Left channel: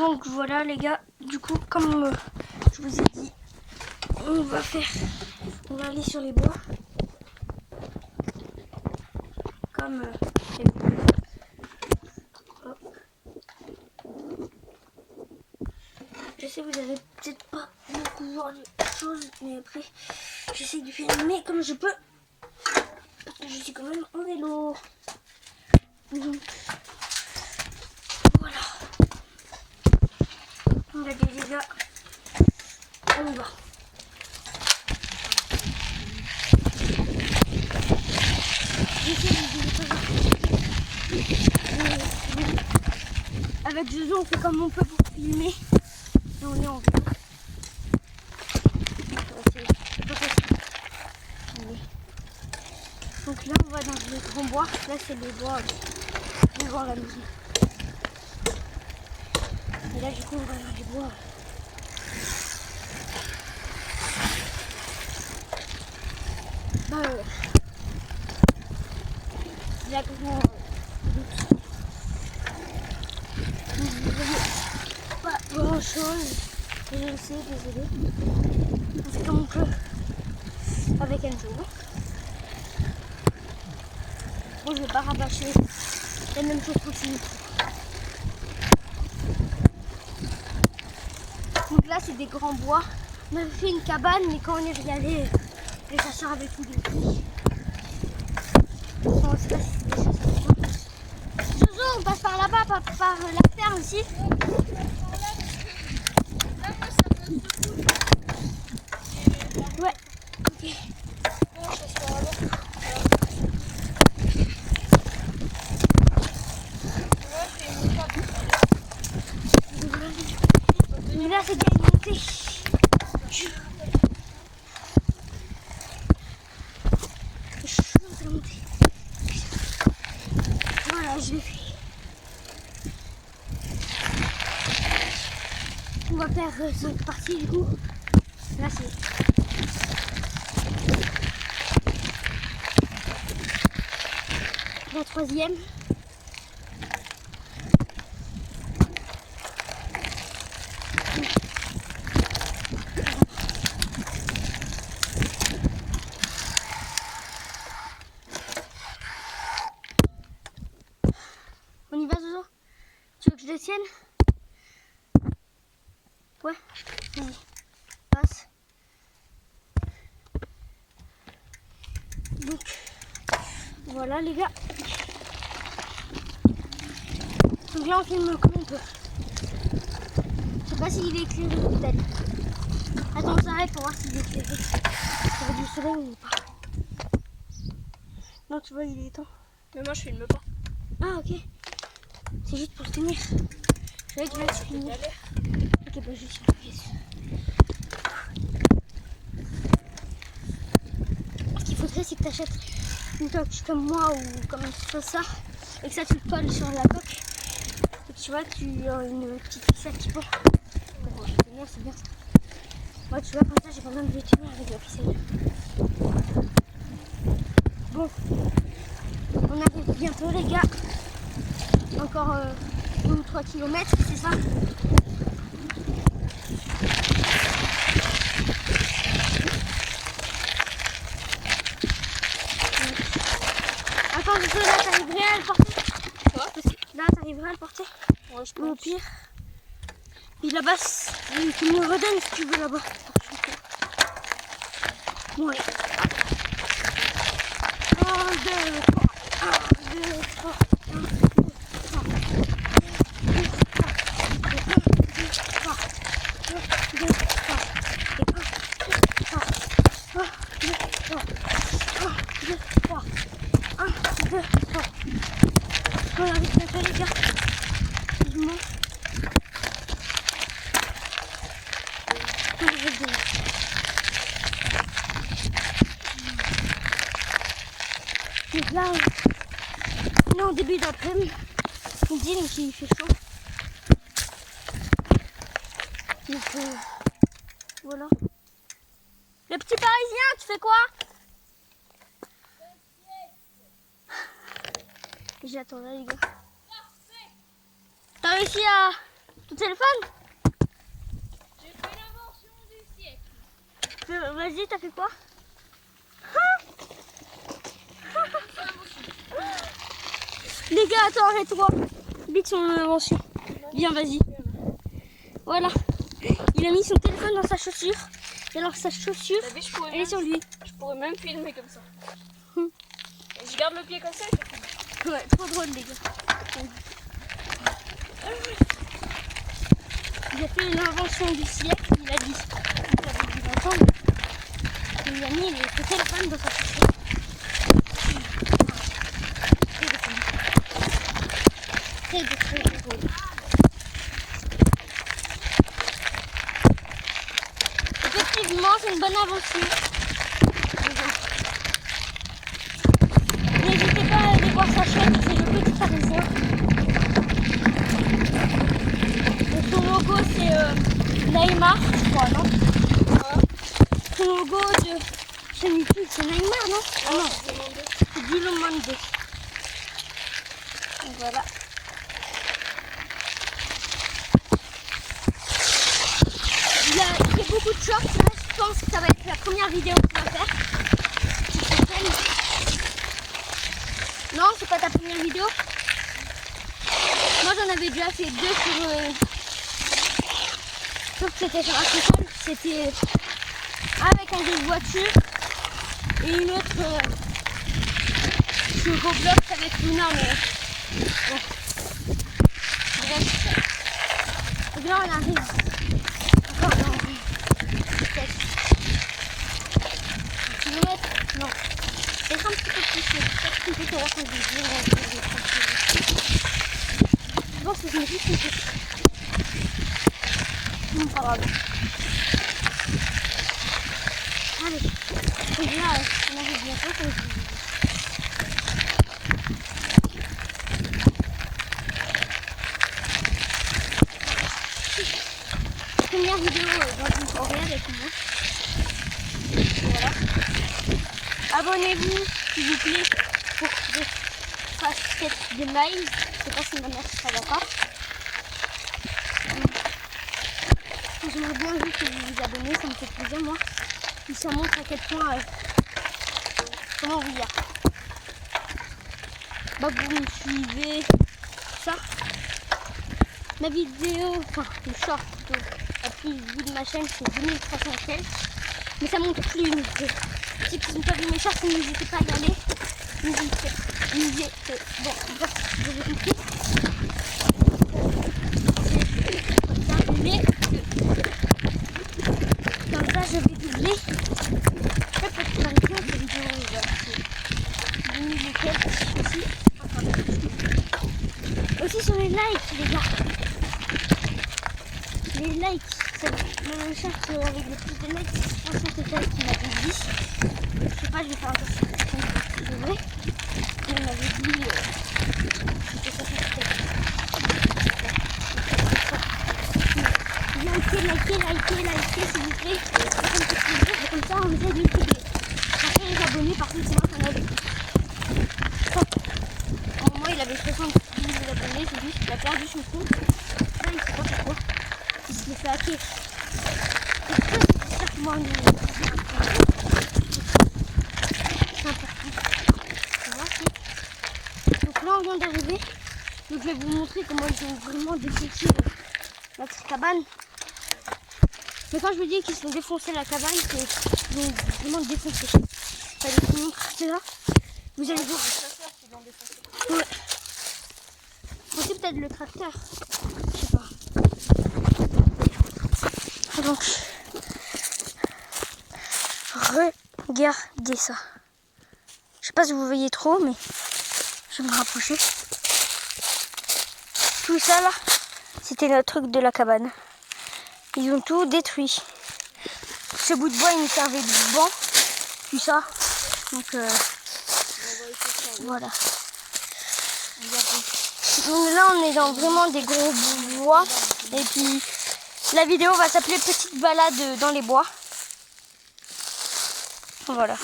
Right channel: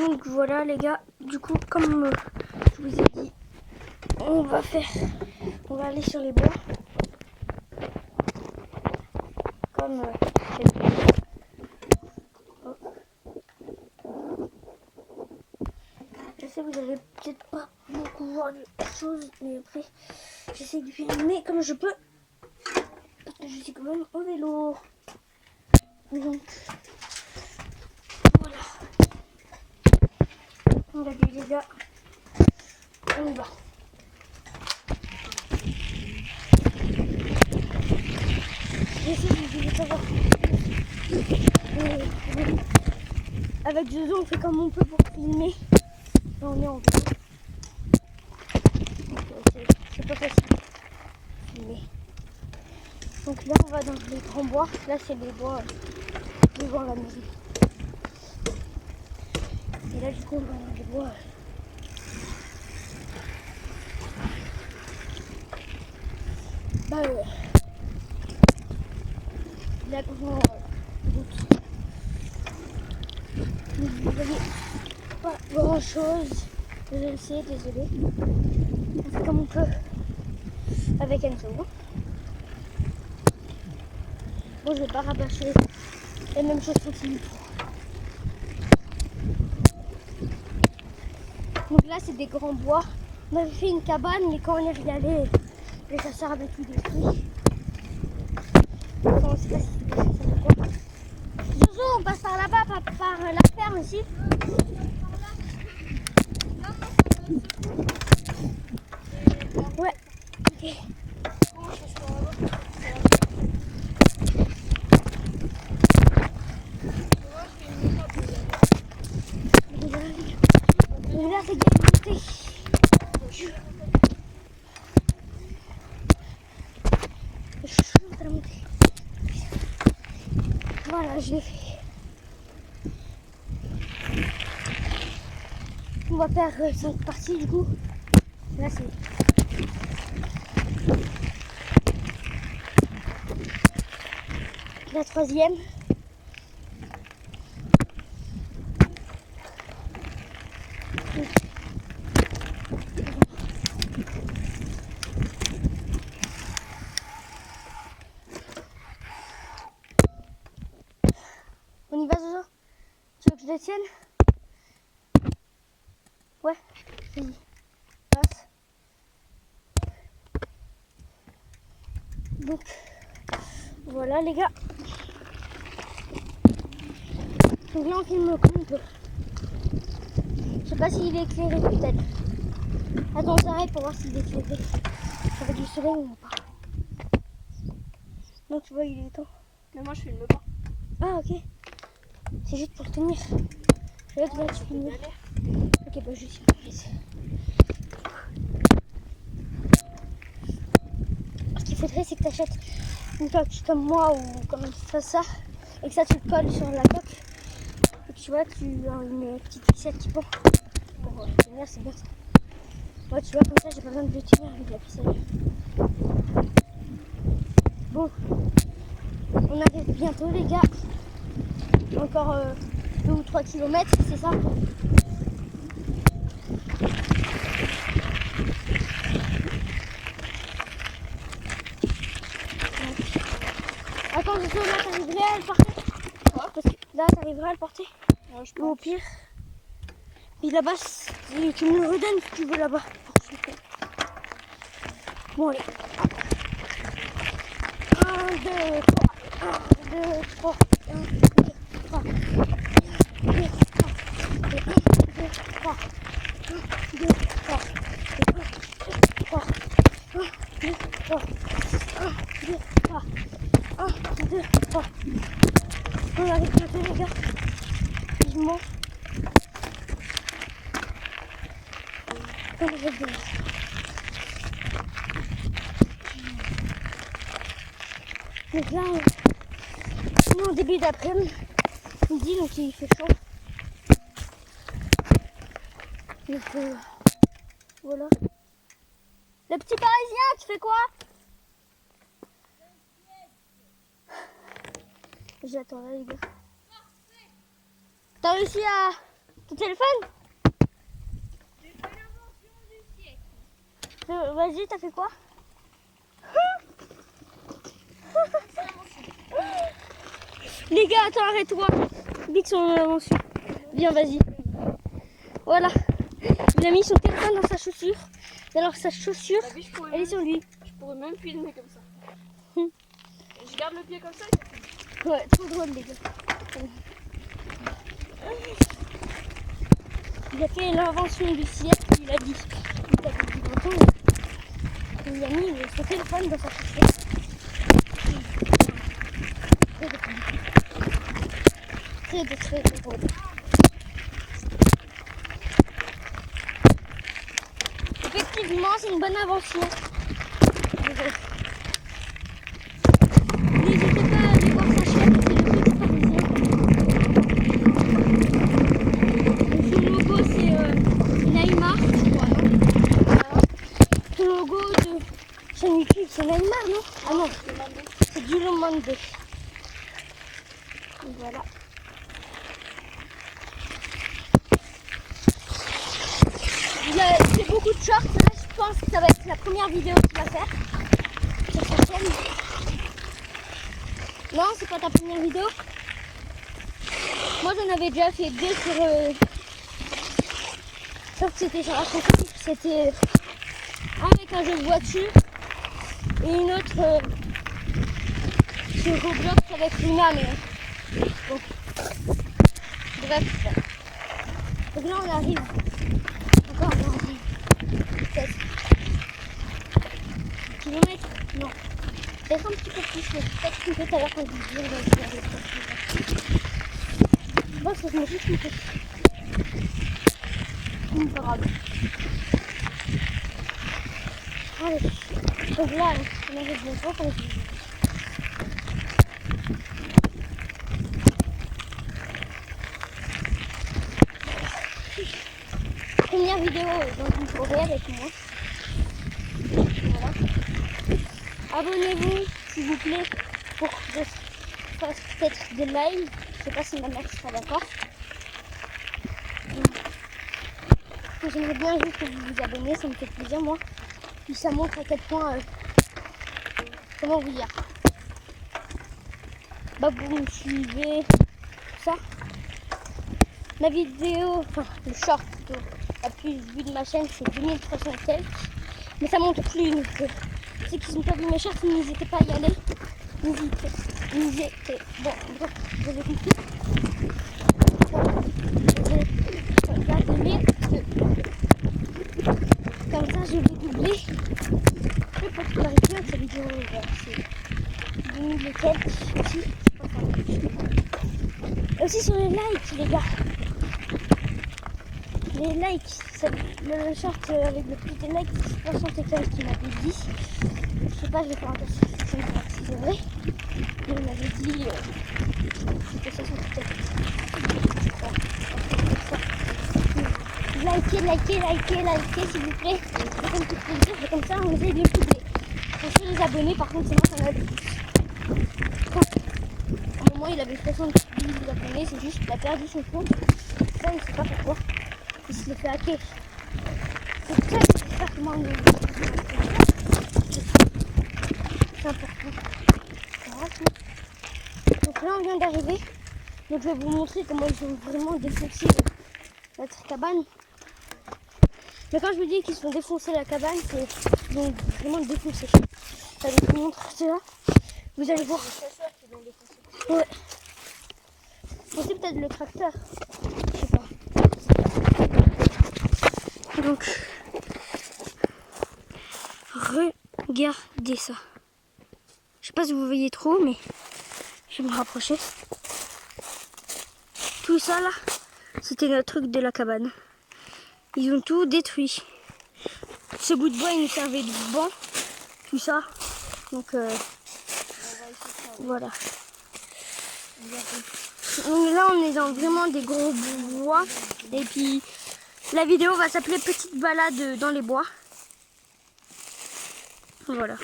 donc voilà les gars, du coup comme je vous ai dit, on va aller sur les bois. Comme je sais que vous avez peut-être pas beaucoup voir de choses, mais après j'essaie de filmer comme je peux. Je suis quand même en vélo. Donc voilà. On va dire les gars. On y va. J'essaie de savoir. Avec Jojo, on fait comme on peut pour filmer. Et on est en vélo. C'est pas facile. Donc là, on va dans les grands bois. Là, c'est les bois devant la maison. Et là, du coup, on va dans les bois. Là, devant vous voyez pas grand chose. Je le sais, désolé. On fait comme on peut avec Enzo. Bon, je vais pas rabâcher la même chose continue. Donc là, c'est des grands bois. On avait fait une cabane, mais quand on est allé, les chasseurs avaient tout détruit. On ne sait pas si c'est des chasseurs ou quoi. Jojo, on passe par là-bas, par la ferme aussi. Ouais, ok. Donc là, c'est bien monté. Je suis en train de monter. Voilà, je l'ai fait. On va faire 5 parties du coup. Là, c'est la 3e. On y va, Jojo? Tu veux que je le tienne? Ouais, vas-y. Passe. Donc, voilà les gars. Donc là, on filme comme on peut. Je sais pas s'il est éclairé peut-être. Attends, on s'arrête pour voir s'il est éclairé. Avec du soleil ou pas. Non, tu vois, il est temps. Mais moi, je filme pas. Ah, ok. C'est juste pour tenir. Je savais que là, tu filmes. Ok, bah je suis Ce qu'il faudrait, c'est que tu achètes une coque comme moi ou comme ça. Et que ça, tu le colles sur la coque. Et que tu vois, tu as une petite ficelle qui peut. Pour tenir, c'est bien ça. Moi, tu vois, comme ça, j'ai pas besoin de le tenir avec la ficelle. Bon, on arrive bientôt, les gars. Encore 2 ou 3 kilomètres, c'est ça? Attends, là, t'arriverais à le porter? Quoi? Parce que là, t'arriverais à le porter? Ouais, je Ou au pense. pire, et là-bas, tu me le redonnes si tu veux là-bas. Bon, allez. 1, 2, 3. 1, 2, 3. 1, 2, 3. 1, 2, 3. 1, 2, 3. 1, 2, 3. 1, 2, 3. 1, 2, 3. 1, 2, 3. On arrive bientôt, les gars. Vivement. On arrive bientôt. Donc là, on est en début d'après-midi, donc il fait chaud. Donc voilà. Le petit Parisien, tu fais quoi? J'attends là, les gars. T'as réussi à Ton téléphone? J'ai fait l'invention du siècle. Vas-y, t'as fait quoi? Les gars, attends, arrête-toi. Dis que son invention. Viens, vas-y. Voilà. Il a mis son téléphone dans sa chaussure. Et alors sa chaussure, T'as vu, je pourrais elle est même, sur lui. je pourrais même filmer comme ça. Hum. Et je garde le pied comme ça. Ouais, trop drôle les gars. Il a fait l'invention du siècle, il a dit. Vous avez dû l'entendre. Et il a mis son téléphone dans sa chaussure. Très drôle. Effectivement, c'est une bonne invention. N'hésitez pas à aller voir sa chaîne, c'est le Petit Parisien. Et son logo c'est Neymar, je crois, non? Son logo de chaîne YouTube, c'est Neymar, non? Ah non, c'est Guilomande. Donc voilà. Il fait beaucoup de shorts, là je pense que ça va être la première vidéo qu'il va faire sur sa chaîne. Non, c'est pas ta première vidéo? Moi j'en avais déjà fait 2 sur... Sauf que c'était sur un téléphone, c'était avec un jeu de voiture et une autre sur Roblox avec Luna, mais bon. Bref. Donc là on arrive encore dans 1 kilomètre, non. Peut-être un petit peu plus, mais peut-être un peu tout à l'heure quand je dis, je pense que je me dis une petite. C'est pas grave. Allez, donc là, on arrive bientôt, comme je dis. Première vidéo dans une forêt avec moi. Voilà. Abonnez-vous, s'il vous plaît, pour que je fasse peut-être des lives. Je sais pas si ma mère sera d'accord. J'aimerais bien juste que vous vous abonnez, ça me fait plaisir moi. Puis ça montre à quel point, comment vous dire, bah vous me suivez, tout ça. Ma vidéo, enfin le short la plus vue de ma chaîne c'est 2300 quelques. Mais ça monte plus. Donc, ceux qui n'ont pas vu mes shorts, n'hésitez pas à y aller. N'hésitez. Bon, bref, je vais cliquer. Comme ça, je vais doubler. Peut-être que cette vidéo, c'est 10 000 et quelques aussi. Aussi sur les likes, les gars. Les likes, le chat avec le plus de likes, c'est 60 et quelques qui m'avait dit. Je sais pas, je vais faire un peu si c'est vrai. Il m'avait dit c'était 60 et quelques. Likez, s'il vous plaît. Ça me fait plaisir, et comme ça on essaie de le doubler. Après les abonnés, par contre, c'est moi qu'on a vu. Au moment il avait 70 000 abonnés, c'est juste qu'il a perdu son compte. Là, il sait pas pourquoi. Il se le fait hacker. C'est très j'espère que moi, c'est important. Donc là, on vient d'arriver. Donc je vais vous montrer comment ils ont vraiment défoncé notre cabane. Mais quand je vous dis qu'ils se font défoncer la cabane, c'est vraiment défoncer. Allez, je vous montre ça. Vous allez voir. Ouais. Aussi peut-être le tracteur. Je sais pas. Donc, regardez ça. Je sais pas si vous voyez trop, mais je vais me rapprocher. Tout ça là, c'était notre truc de la cabane. Ils ont tout détruit. Ce bout de bois, il nous servait de banc. Tout ça. Donc, voilà. Donc là, on est dans vraiment des gros bois. Et puis, la vidéo va s'appeler Petite balade dans les bois. Voilà.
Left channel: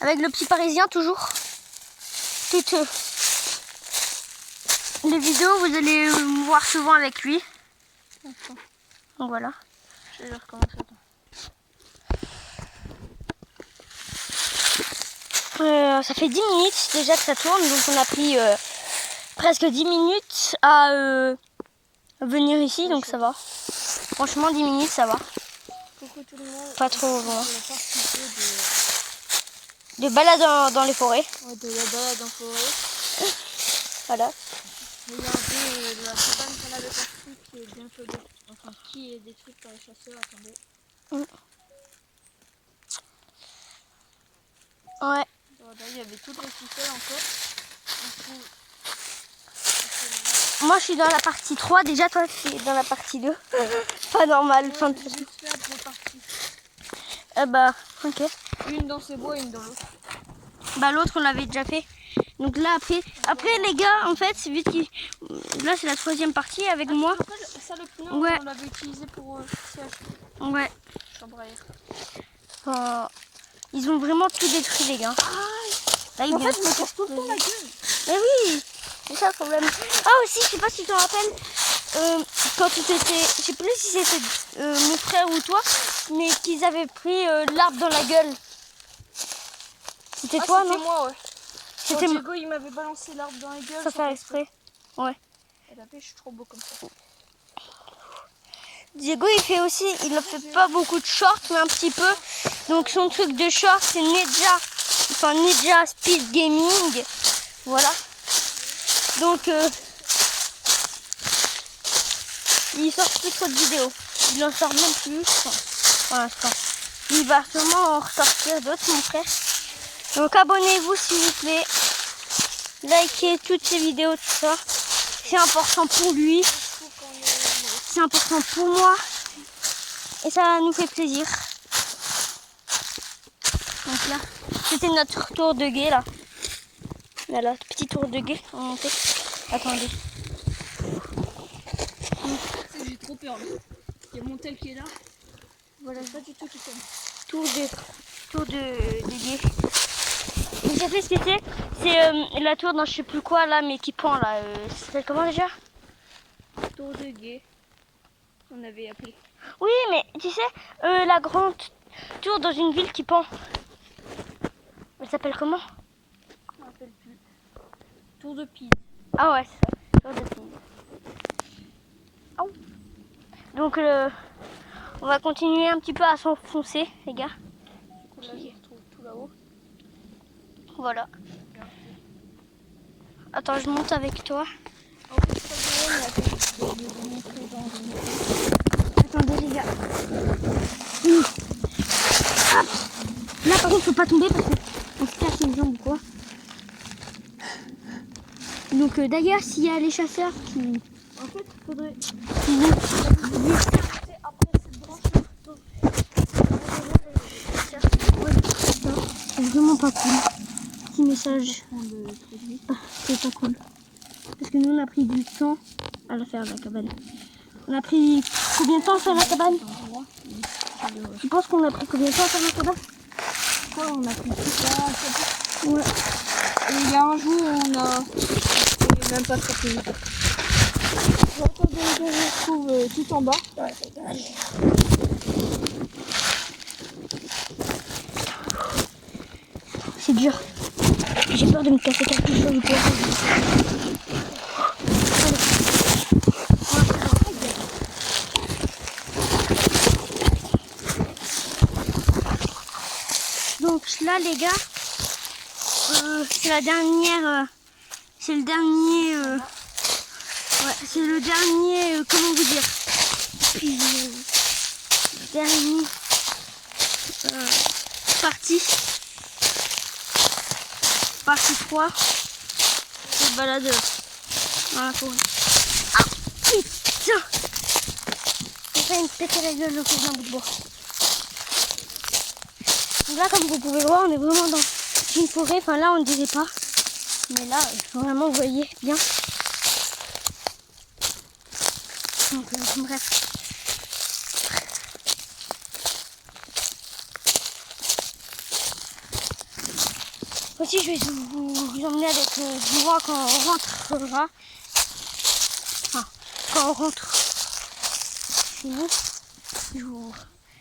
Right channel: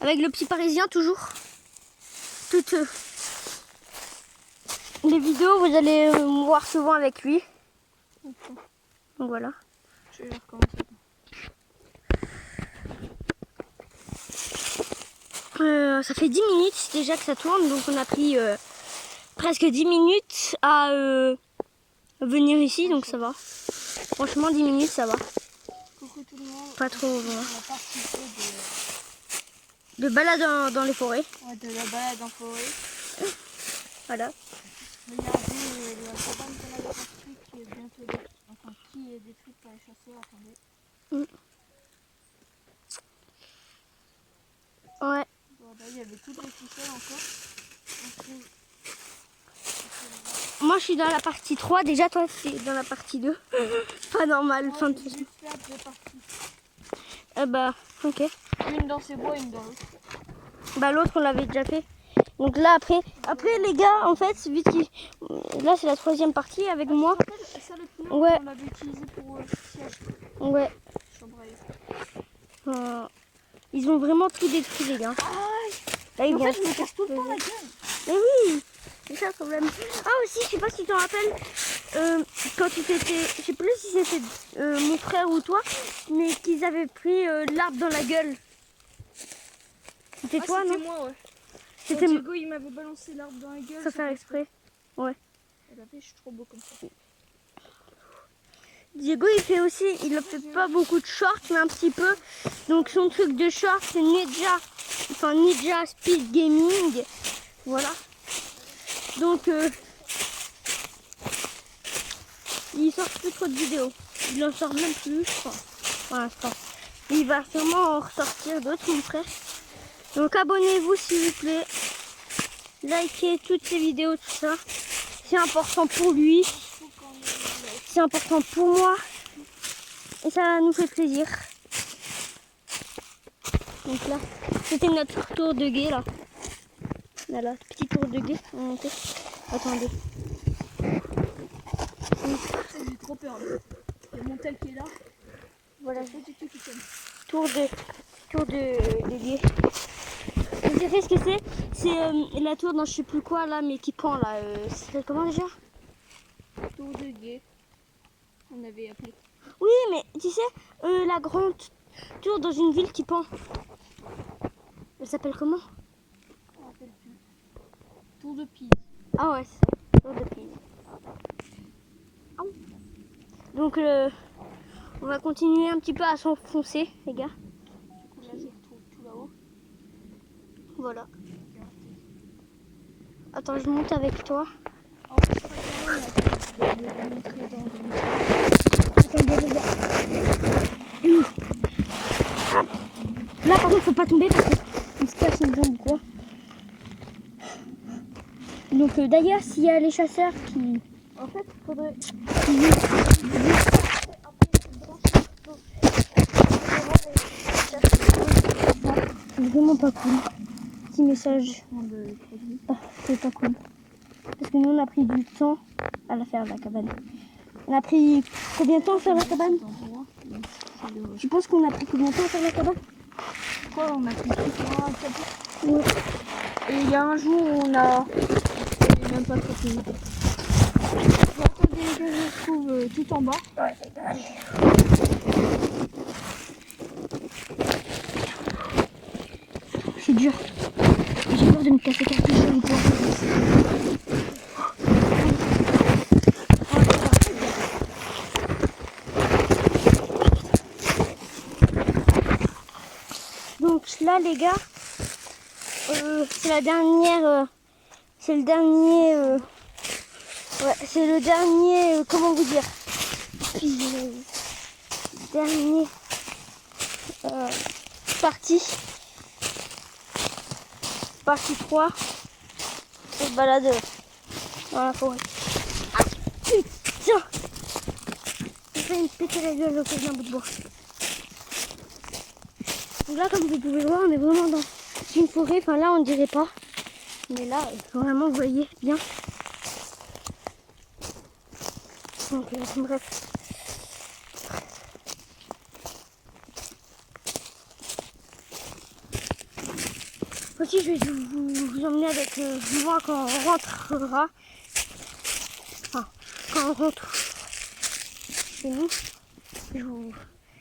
Avec le Petit Parisien, toujours. Tout les vidéos, vous allez me voir souvent avec lui. Attends, Donc voilà. je vais recommencer. Ça fait 10 minutes déjà que ça tourne, donc on a pris presque 10 minutes à venir ici, donc ça va. Franchement, 10 minutes, ça va. Coucou tout le monde. Pas trop loin. Je vais participer De balade dans les forêts. de la balade en forêt. Voilà. Regardez la cabane qu'on avait construite qui est bientôt qui est détruite par les chasseurs. Attendez. Ouais. Voilà, il y avait toutes les ficelles encore. Moi, je suis dans la partie 3. Déjà, toi, tu es dans la partie 2. Pas normal. Je vais juste faire deux parties. Bah, ok. Une dans ces bois et une dans l'autre. Bah, l'autre, on l'avait déjà fait. Donc là, après les gars, en fait, c'est vite qui. Là, c'est la 3e partie avec moi. Ça, le pneu, Ouais. on l'avait utilisé pour siège. Ouais. Chambre à air. Ils ont vraiment tout détruit, les gars. Là, ils En vont fait, je me casse tout le temps la gueule. Mais oui, c'est ça le problème. Ah aussi, je sais pas si tu te rappelles, quand tu étais, je sais plus si c'était mon frère ou toi, mais qu'ils avaient pris l'arbre dans la gueule. C'était toi, C'était non? moi, ouais. C'était Quand Diego, il m'avait balancé l'arbre dans la gueule. sans faire exprès. Ouais. Elle avait, je suis trop beau comme ça. Diego, il fait aussi, il ne fait pas beaucoup de shorts, mais un petit peu. Donc son truc de short, c'est Ninja Speed Gaming. Voilà. Donc il sort plus trop de vidéos. Il en sort même plus, je crois, pour l'instant. Il va sûrement en ressortir d'autres, mon frère. Donc abonnez-vous s'il vous plaît. Likez toutes ces vidéos, tout ça. C'est important pour lui. C'est important pour moi. Et ça nous fait plaisir. Donc là, c'était notre tour de guet là. Voilà, petit tour de guet en montée. Attendez. J'ai trop peur là. Il y a mon tel qui est là. Voilà, Pas du tout qui tombe. tour de guet. Vous savez ce que c'est? C'est la tour dans je sais plus quoi là, mais qui pend là. C'est comment déjà? Tour de guet. On avait appelé. Oui, mais tu sais, la grande tour dans une ville qui pend. Elle s'appelle comment? Je me rappelle plus. Tour de Pise. Ah ouais, c'est ça. Tour de Pise. Aouh. Donc, on va continuer un petit peu à s'enfoncer, les gars. Là, je retrouve tout là-haut. Voilà. Attends, je monte avec toi. En fait, je crois que là, il y a des montrer dans une... Attendez, les gars. Hop. Là, par contre, faut pas tomber parce qu'on se casse une jambe ou quoi. Donc, d'ailleurs, s'il y a les chasseurs qui... En fait, il faudrait... C'est vraiment pas cool. Petit message. Ah, c'est pas cool. Parce que nous, on a pris du temps à la faire, la cabane. On a pris combien de temps à faire la cabane? Tu penses qu'on a pris combien de temps à faire la cabane? Quoi, on a pris tout ça. Ouais. Et il y a un jour, on a... Et même pas très plus vite. Attendez, je retrouve tout en bas. C'est dur. J'ai peur de me casser quelque chose du poids. Donc là les gars, c'est la dernière, c'est le dernier, ouais, c'est le dernier, comment vous dire, dernier partie 3 de balade dans la forêt. Ah putain, j'ai failli me péter la gueule au cause d'un bout de bois. Donc là, comme vous pouvez le voir, on est vraiment dans une forêt. Enfin là, on ne dirait pas. Mais là, vraiment, vous voyez bien. Donc, bref. Aussi, je vais vous emmener avec moi quand on rentrera. quand on rentre chez nous, je vous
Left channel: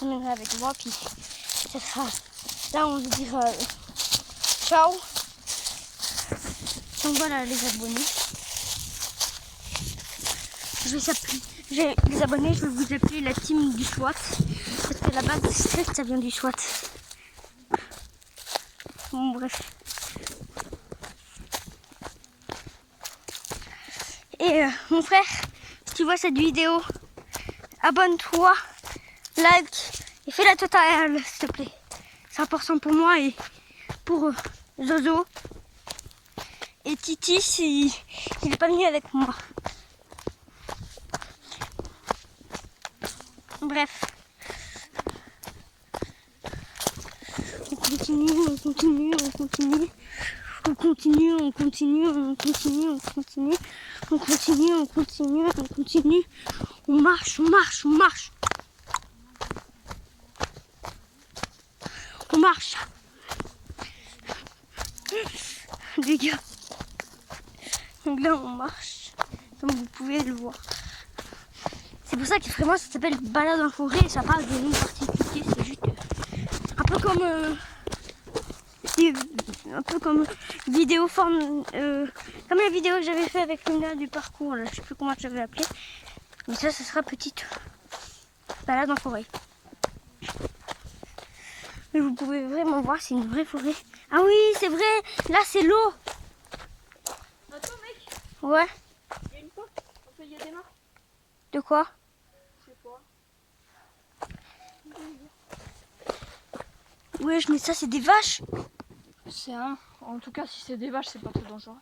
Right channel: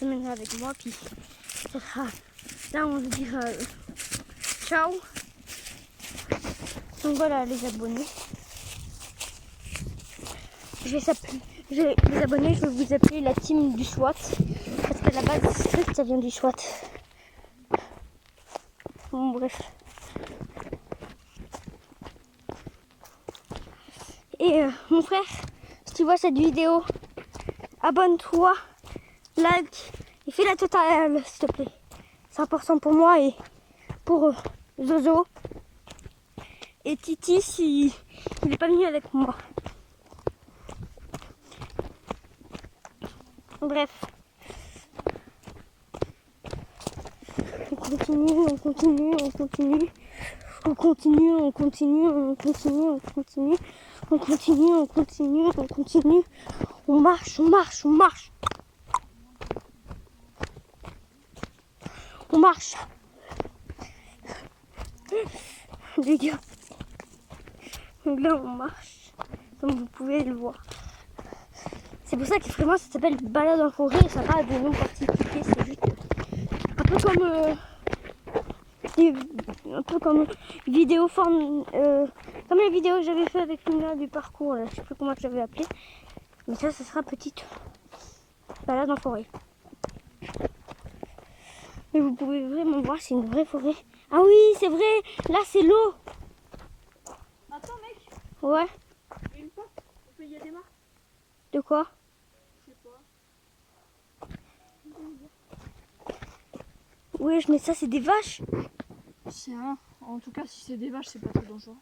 emmènerai avec moi, puis ça sera là on se dira ciao. Donc voilà les abonnés. Les abonnés, je vais vous appeler la team du SWAT, parce qu'à la base strict ça vient du SWAT. Bon bref. Et mon frère, si tu vois cette vidéo, abonne-toi, like et fais la totale s'il te plaît. C'est important pour moi et pour Zozo. Et Titi s'il n'est pas venu avec moi. Bref. On continue, on continue, on continue. On continue, on continue, on continue, on continue. On continue, on continue, on continue. On marche, on marche, on marche. On marche. Les gars. Donc là, on marche. Comme vous pouvez le voir. C'est pour ça que vraiment ça s'appelle balade en forêt. Ça n'a pas de nom particulier. C'est juste un peu comme... un peu comme vidéo forme... comme la vidéo que j'avais fait avec Luna du parcours. Là. Je sais plus comment je l'avais appelé. Mais ça sera petite balade en forêt. Mais vous pouvez vraiment voir, c'est une vraie forêt. Ah oui, c'est vrai. Là, c'est l'eau. Attends, mec. Ouais. Il y a une fois, il y a des mains. De quoi? Je sais pas. Oui, mais ça, c'est des vaches. C'est un. En tout cas, si c'est des vaches, c'est pas trop dangereux.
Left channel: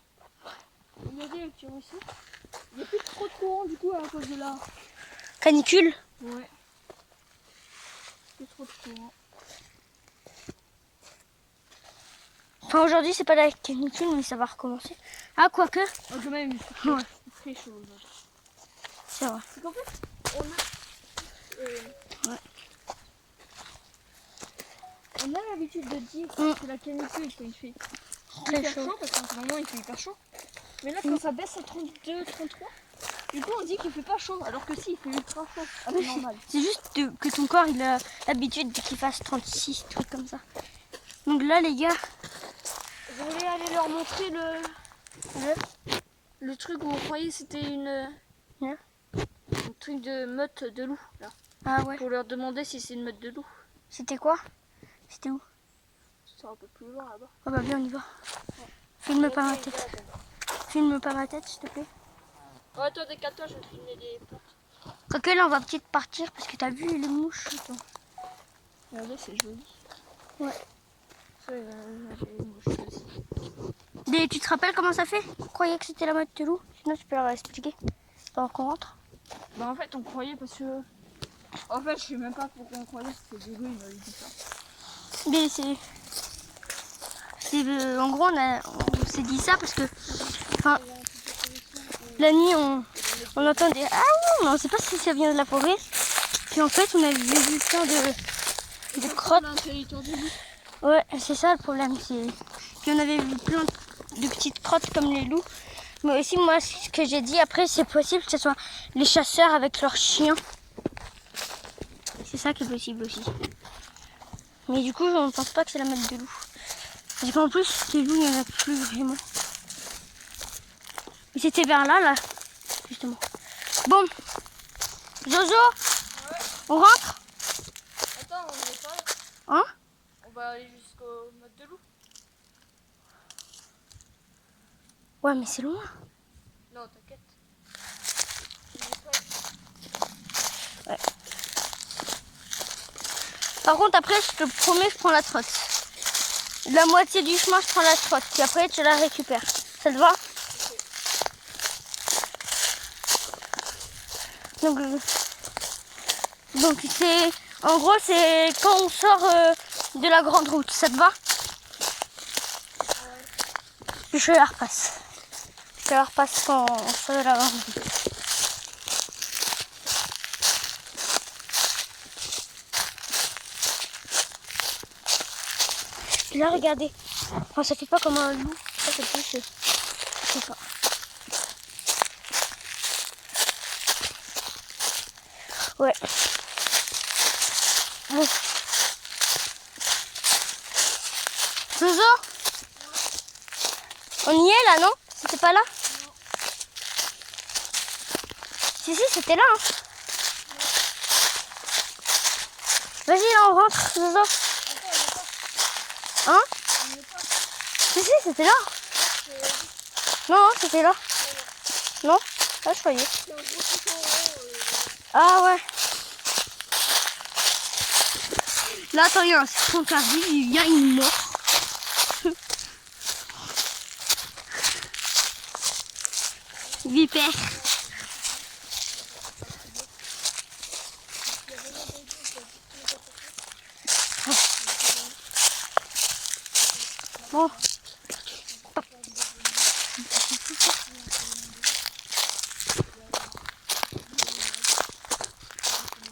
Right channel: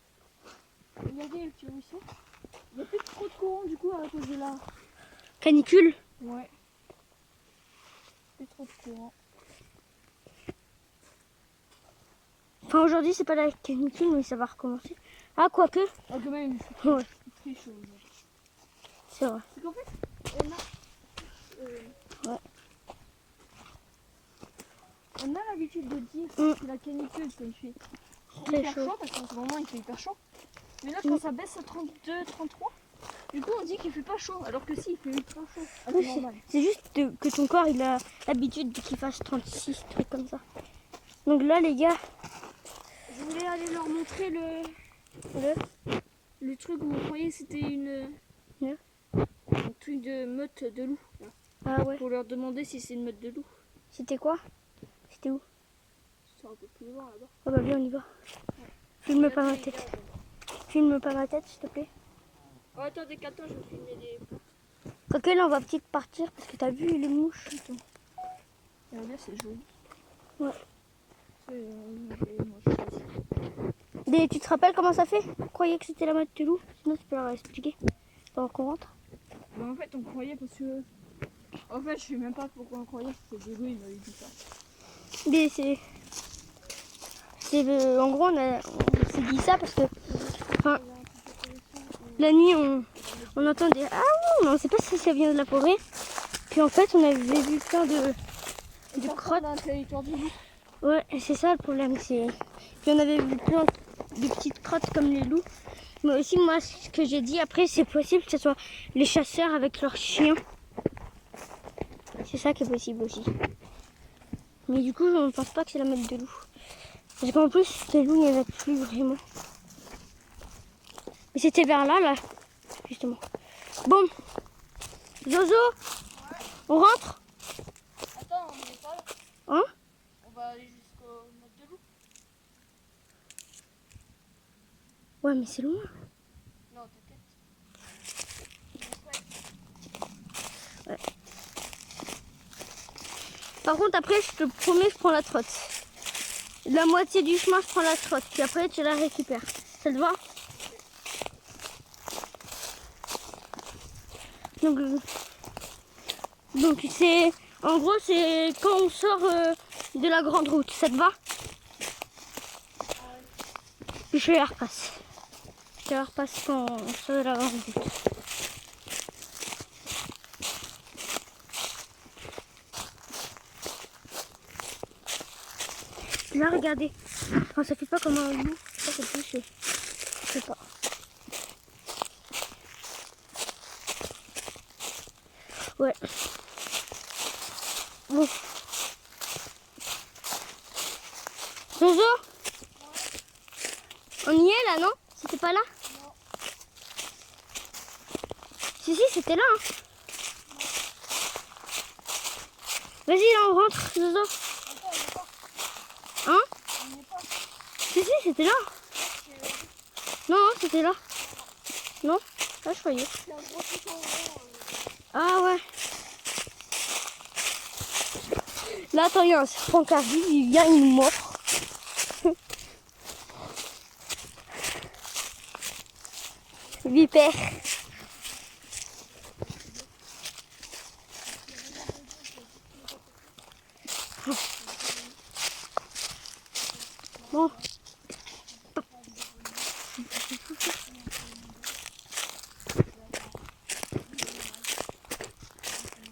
Regardez le petit ruisseau. Il n'y a plus trop de courant du coup à cause de la. Canicule. Ouais. Plus trop de courant. Enfin, aujourd'hui, c'est pas la canicule, mais ça va recommencer. Ah, quoique. Oh, quand même, Ouais. il fait chaud aujourd'hui. C'est vrai. C'est qu'en fait, on a. Ouais. On a l'habitude de dire que la canicule, quand il fait Très hyper chaud. chaud, parce qu'en ce moment il fait hyper chaud. Mais là, quand ça baisse à 32, 33, du coup on dit qu'il fait pas chaud, alors que si, il fait ultra chaud. Ah, Oui, c'est normal. c'est juste que ton corps, il a l'habitude qu'il fasse 36, trucs comme ça. Donc là, les gars. Je voulais aller leur montrer le truc où on croyait que c'était un truc de meute de loup, là. Ah ouais. Pour leur demander si c'est une meute de loup. C'était quoi? C'était où? C'est un peu plus loin là-bas. Oh bah bien, on y va. Filme pas ma tête. Filme pas ma tête, s'il te plaît. Oh, attends, décale-toi, je vais te filmer des plantes. Quoique là, on va peut-être partir parce que t'as vu les mouches. Attends. Regardez, c'est joli. Ouais. Ça, moi, je choisis. Et tu te rappelles comment ça fait? On croyait que c'était la meute de loup. Sinon, tu peux leur expliquer. Pendant qu'on rentre. Bah, en fait, on croyait parce que. En fait, je sais même pas pourquoi on croyait que c'était de loup, il m'avait dit ça. Mais c'est en gros, on s'est dit ça parce que. Enfin, la nuit, on entendait. Ah oui, mais on sait pas si ça vient de la forêt. Puis en fait, on avait vu plein de crottes. Un territoire de loup. Ouais, c'est ça le problème. Puis on avait vu plein de petites crottes comme les loups. Mais aussi, moi, ce que j'ai dit après, c'est possible que ce soit les chasseurs avec leurs chiens. C'est ça qui est possible aussi. Mais du coup, je ne pense pas que c'est la meute de loup. Parce qu'en plus, les loups, il n'y en a plus vraiment. Mais c'était vers là, justement. Bon, Jojo, Ouais. on rentre? Attends, on est pas là. Hein? On va aller jusqu'au meute de loup. Ouais, mais c'est loin. Non, t'inquiète. Il est prêt. Ouais. Par contre, après, je te promets, je prends la trotte. La moitié du chemin, je prends la trotte. Puis après, tu la récupères. Ça te va? Donc c'est... En gros, c'est quand on sort de la grande route. Ça te va? Puis je la repasse. Je la repasse quand on sort de la grande route. Et là, regardez. Enfin, ça fait pas comme un loup. Ça, c'est plus... je sais pas. Ouais. Bon. Zozo, on y est là, non? C'était pas là? Non. Si, c'était là. Hein. Vas-y, là, on rentre, Zozo. Hein? Si, c'était là. Non, c'était là. Non? Là, je croyais. Ah ouais. Là, attends, il y a un serpent qui arrive, il vient, il mord. Vipère. Bon.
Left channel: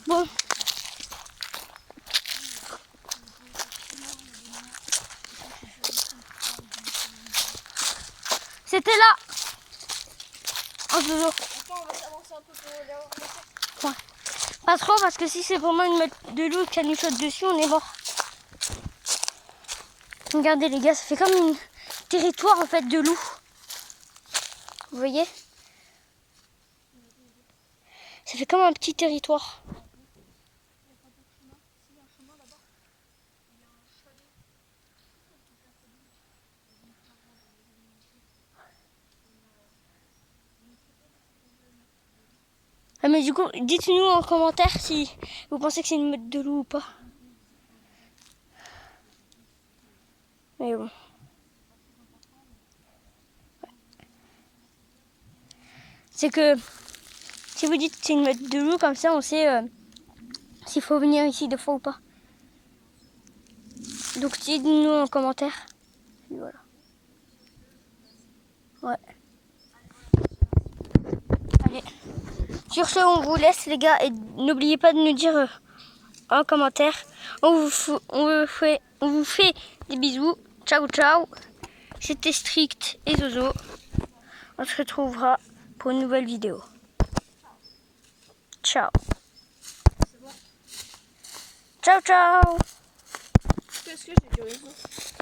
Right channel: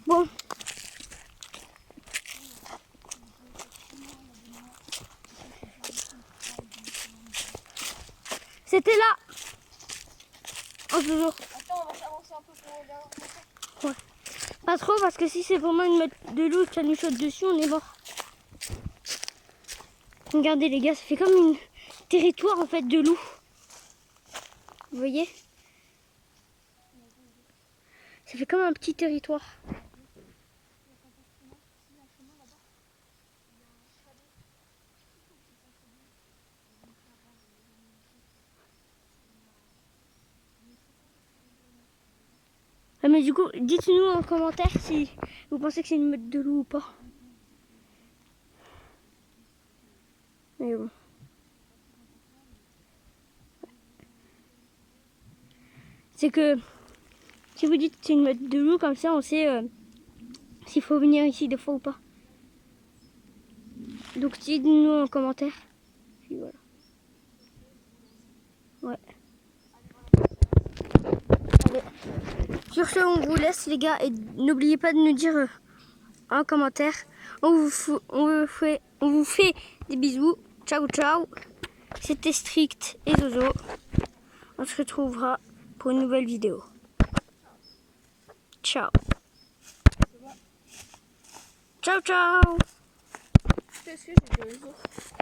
Bon. C'était là. Oh, Zozo. Attends, on va s'avancer un peu pour Ouais. Pas trop parce que si c'est vraiment une meute de loup et que ça nous saute dessus, on est mort. Regardez les gars, ça fait comme un territoire en fait de loup. Vous voyez? Ça fait comme un petit territoire. Ah mais du coup, dites-nous en commentaire si vous pensez que c'est une meute de loup ou pas. Mais bon. C'est que si vous dites que c'est une meute de loup, comme ça on sait s'il faut venir ici des fois ou pas. Donc dites-nous en commentaire. Puis voilà. Ouais. Allez. Sur ce, on vous laisse les gars et n'oubliez pas de nous dire en commentaire. On vous fait des bisous. Ciao ciao. C'était Strict et Zozo. On se retrouvera pour une nouvelle vidéo. Ciao. Ciao ciao.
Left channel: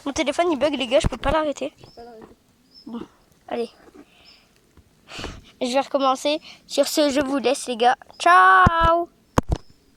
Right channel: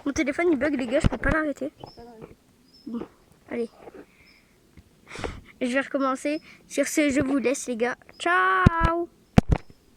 Mon téléphone il bug les gars, je peux pas l'arrêter. Bon, allez. Je vais recommencer. Sur ce, je vous laisse les gars. Ciao.